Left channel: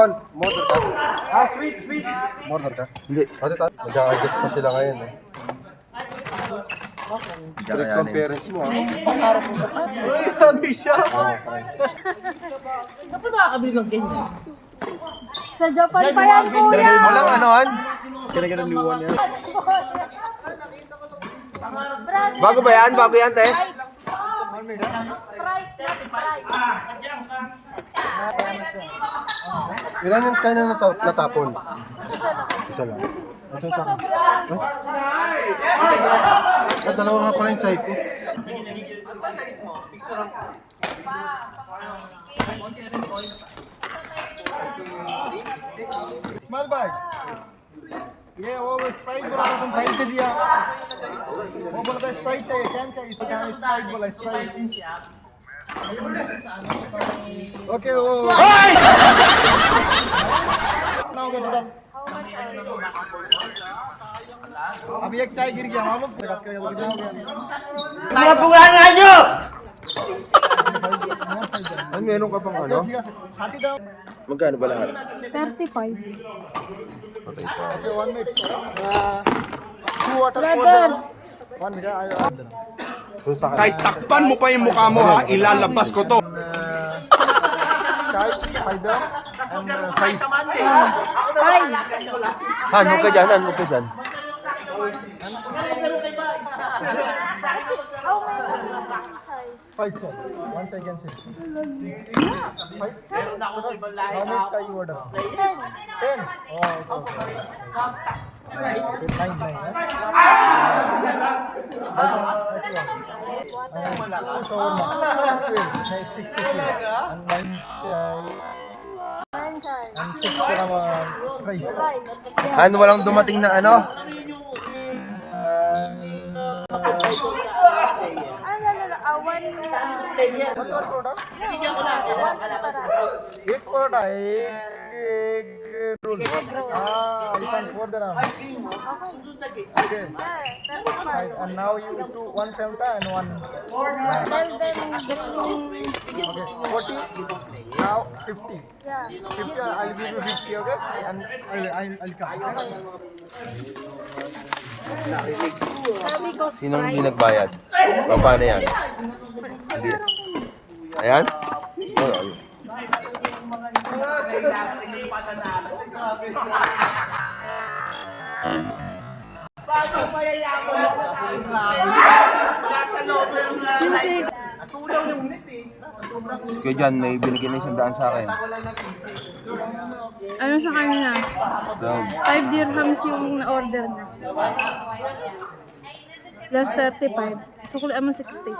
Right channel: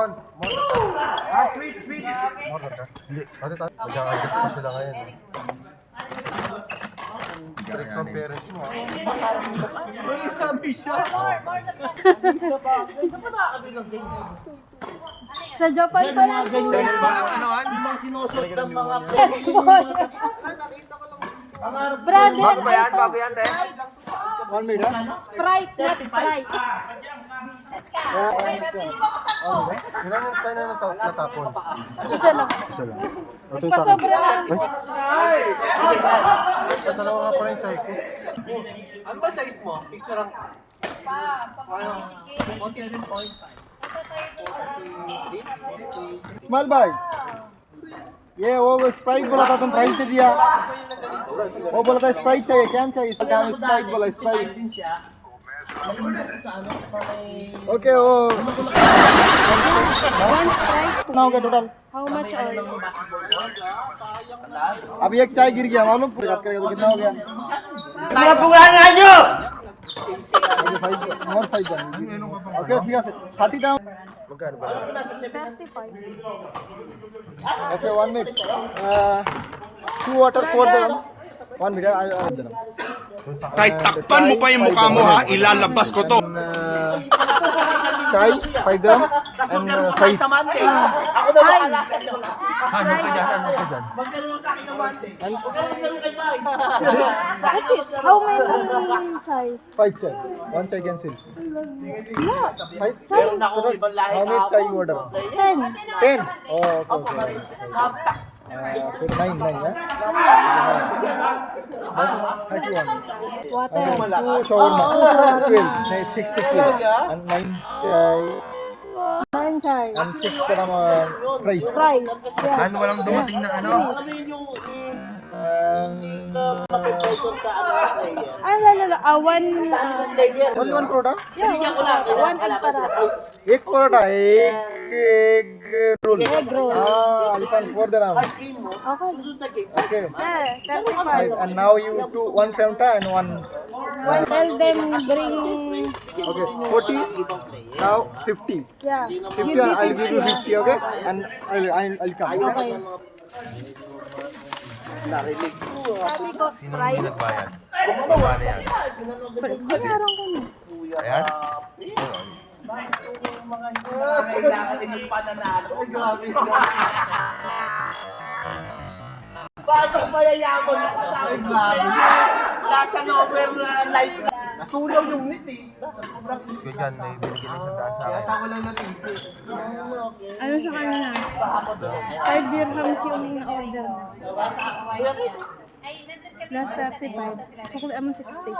Con, model ka. Model ka? Hindi. Mag-a-adjust pa sila ngayon. Direct conference mo. Ay, sabi siya. Sa Japan pa yan, kuya! Walang anoan? Brother, Bago ba yan? Bago yan, te? Sprite, not Sprite. Ilan yung kanya natapon? Isa lang. Isa lang. Ito yung takin. Ay, dalawa nga pala yung chai ko. Ano ba size mo? Picture lang ka. Small भाई ये वो स्प्राइट बोला था तुम प्राइस दे दिया वो बोला था स्प्राइट चाहिए क्या चाहिए इसका नाम स्प्राइट बोला स्प्राइट ओके वो कितना हो गया total How much are you? अभी एक चाय गिर गया मालूम आपके लिए कितना हो गया Ang meron ka pang ano? Okay, 30 daw. Magkano ba lahat? 35. Okay, 1 minute. Two water for them. 1 minute. Kahit takpan mo pa yung mukha mo ha, ilalabas ko to. Chai, 5 dirham, and fries. 5. Ano ka dyan? Ano ka dyan? That's it. How many chai? 5 chai. 1 chai cancel. 5 chai? How many chai you order? 10. 10? Oh, okay. 9, huh? 31. Water. Shawarma. 12. 62. And 9 chai. 9 chai. And 6 parang fries. Rice. Yeah. Ano walang dumating na ano? One Only one product? egg para. एक परोठा एक role Egg roll. elephant for the ram. Okay. Yeah, Nice. 35. And now you do 1 Fanta and 1 Tell them bring. okay 40 now 50 Yeah. 50 I'll give you 50 okay and I'll come okay? Sabi ko, Sinong hindi Sprite. nagbayad? Paano yan? Parang Ayan? Natulaw yung net eh. Kaya dyan, may binigyan ng 100 sa akin. ano sa kanya? 5 dirhams yung na-order na. Plus 35. So, kulaan mo 60.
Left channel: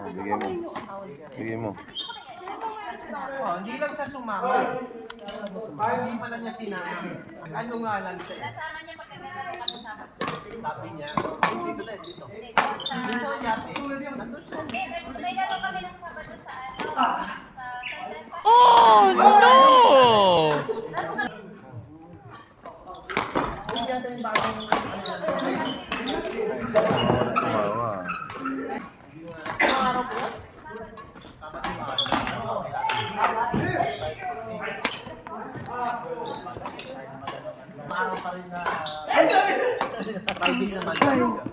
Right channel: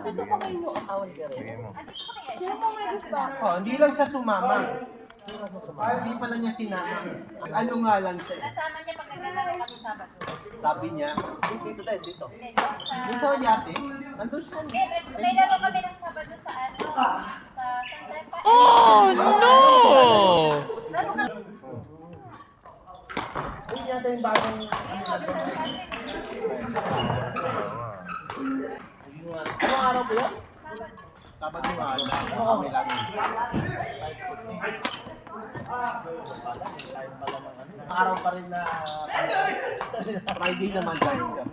Bigay mo. Oh, hindi lang siya sumama. Hindi pala niya sinama. Ano nga lang siya eh. Sabi niya, dito tayo, dito. Dito sa yate, nandun siya. May laro kami ng Sabado sa Oh no! Araw pa rin na Friday naman guys siya.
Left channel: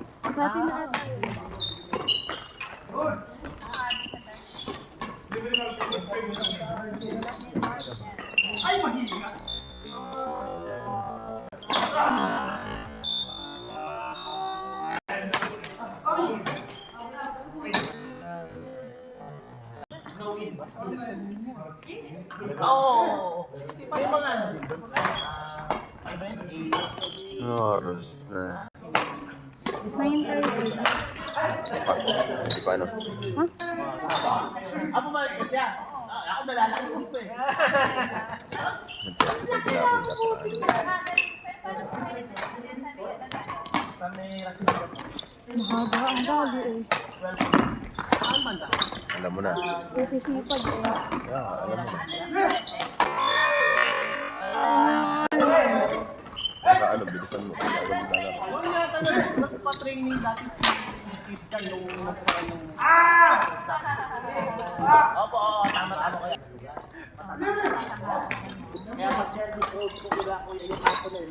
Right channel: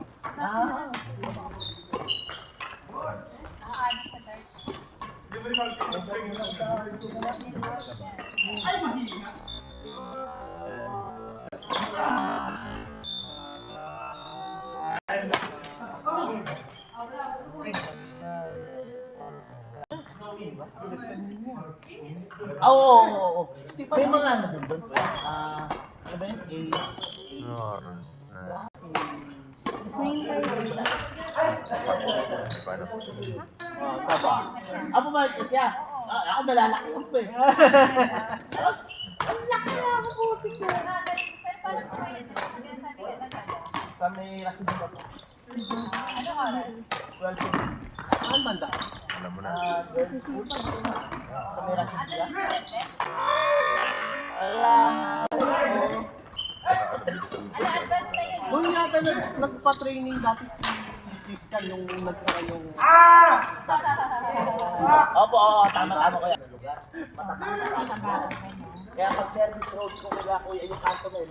Oo. May mga ano din doon. Ano yun? Oras na. 9:30. Paano? Ako ba siya? Ako nalalaki ko pa eh. Sa may rasin. Mahaba ang bago eh. Saan banda? Alam mo na. Kasi sipag eh. Ano, bilisan mo. Doon yata nagpa-training dati si twist ka nung nagsara yung... Kahoy yung tatakpan.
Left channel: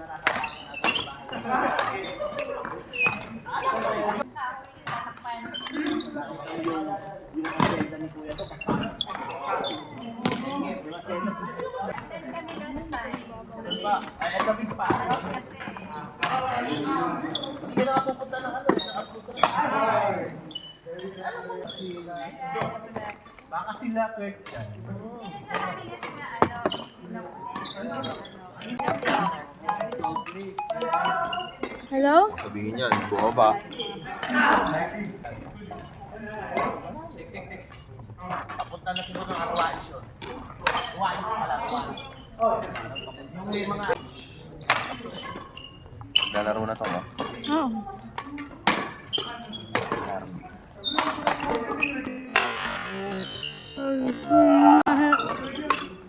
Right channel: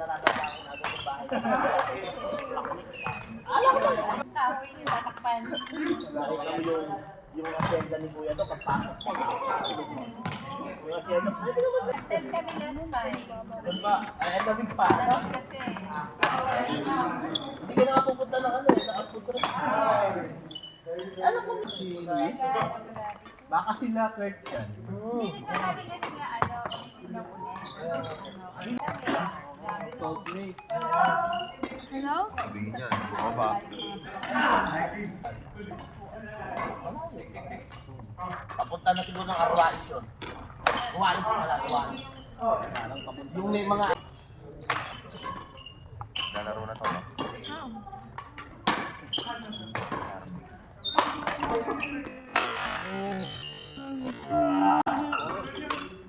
Content kami last time. Kasi, Baka sila clerk yan. hindi nagsasabi kasi na ano, Hello? Sabihin niyan, bumaba. Papunta na sila ng Arwalis yun. Arwalis pala, Arwalis. Yung may mga... Lalaro na to. No? Oh.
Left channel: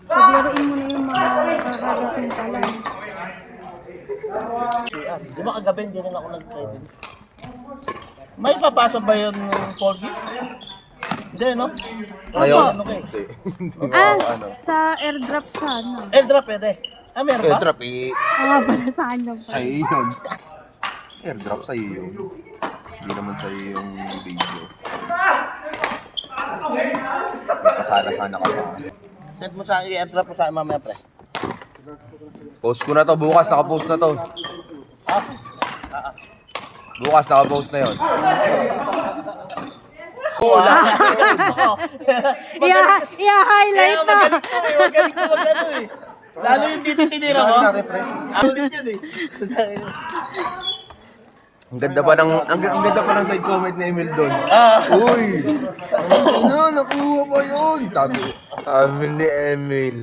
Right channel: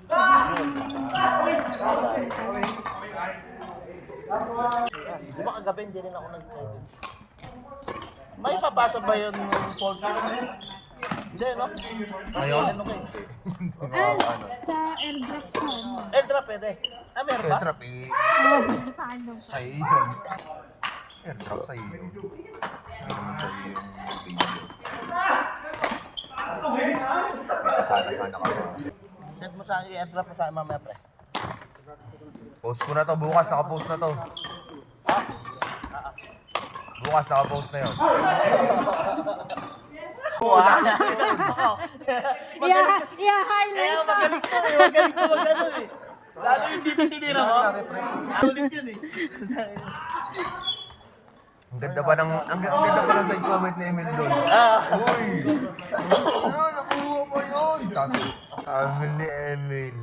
Paglaruin mo na yung mga kakarating pa lang. Di ba kagabi hindi rin ako nag-trade? May papasok ba yung 4G? Hindi, no? Opo. Ano kayo? Ah, sa airdrop sana. Airdrop pwede. Ah, meron ba? Airdrop eh. Ah, para sa kanya pa. Sa'yo yun. Airdrop sa'yo yun. Hindi naman sa'yo yung video. Pasada sana ka pa. Send mo sa i-airdrop mo sa akin mamaya, pre. Post ko na to, bukas nakapost na to. Bukas nakapost na yun. I-highlight na. Lalo yung dito tinira mo. Ulit yan eh. Ang ganda pa ng side comment ni Emil doon. Uy! Ano, nakuha ba yun? Sabi ni Emil.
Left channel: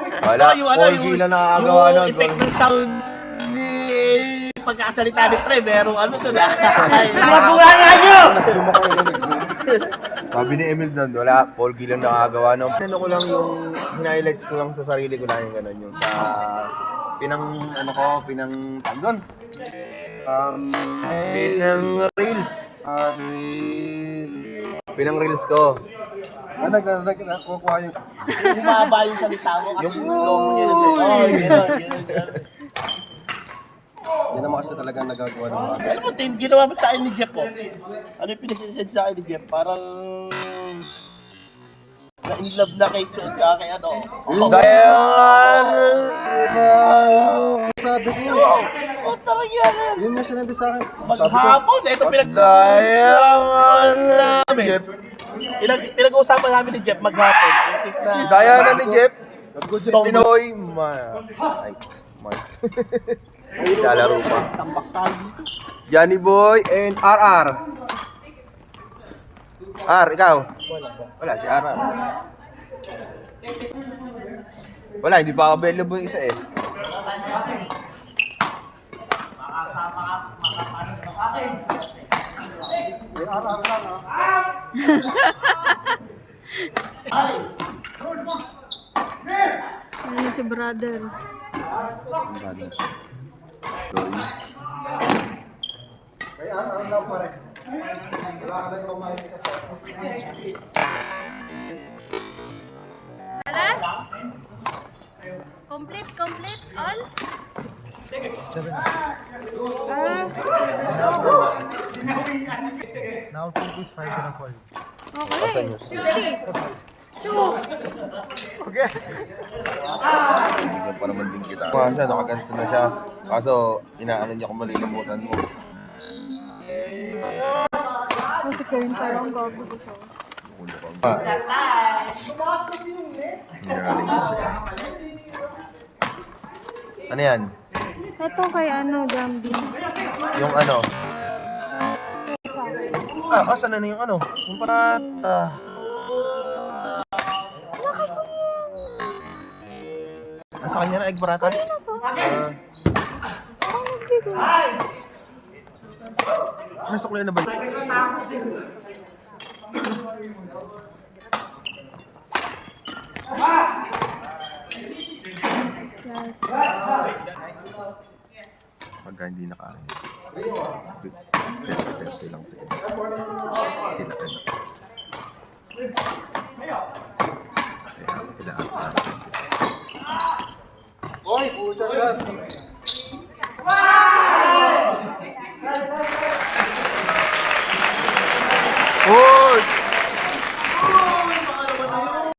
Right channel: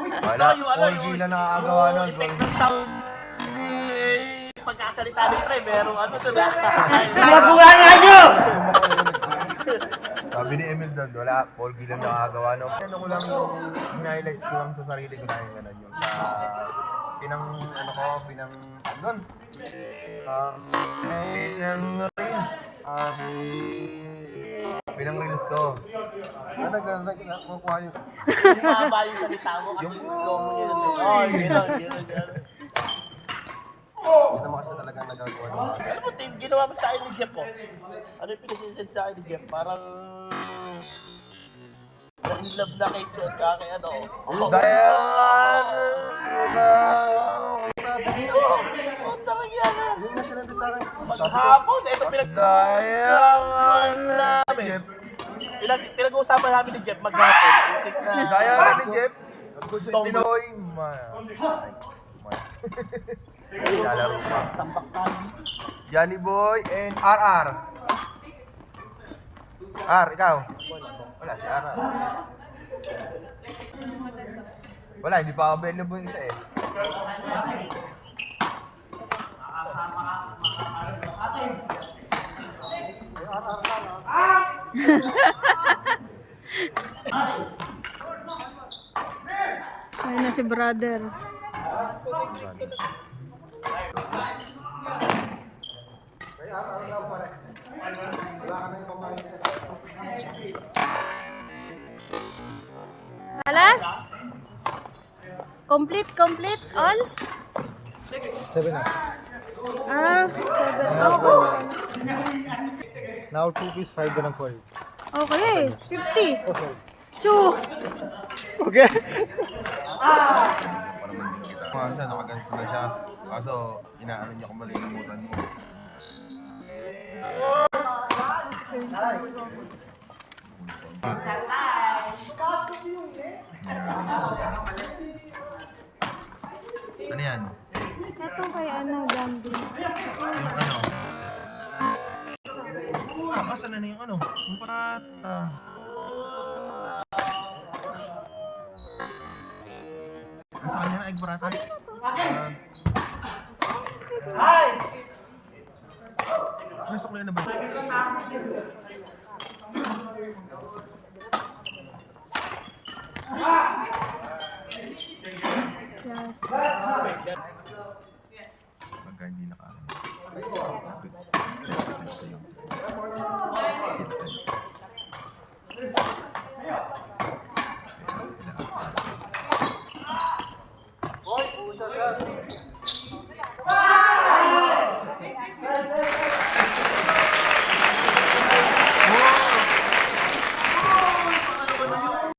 Wala, all gila nakakagawa nun. Yung effect ng sounds ni pagkasalita ni Pre, merong ano to na. Sabi ni Emil doon, wala, all gila nakakagawa nun. Ano ko lang yung highlights ko lang sa sarili ko lang yung gano'n yung sa pinang tagon. Pinang reels ko. Nagkukuha yung... Yung mahaba yung salita mo kasi yung slow mo niya. Oh, yun. Hindi naman kasi talaga nagagawa ng mga. Alam mo, Tim, ginawa mo sa akin ni Jeff, oh. Ano yung pinag-send sa akin ni Jeff? Parang... na-in love na kay Chos, kaya kay ano. Sabi ko, Oh, talaga yan. yun yung sinabi sa akin. Maghapon, ito namin. Pinag-uusapan namin ni Jeff maghapon. Daya na ni Jeff. Pinoy. Lalaro pa. Tambak tayo. Johnny Boy and RR. R, ikaw? Wala, si RR. Wala, hindi pa available yung isa eh. Ay na si brother. Alas? Complete all? 7. Ah, Now 2 is 5 and 4. okay. 50. 2. Okay. Hindi pa naman din kita. Siya, nakaganto na siya. Kaso, inaano niya kung malilimutan mo. Kasi kung parang bago ko siya. Nangyari ko siya. Ano yan? Ito kay ano, Jambi. Yung ano? Asan na yung ano? Yung parata. Nasa kanya na egg parata? Nasa kulay na ba? Yes. Pagka hindi nakain. Test ko lang sa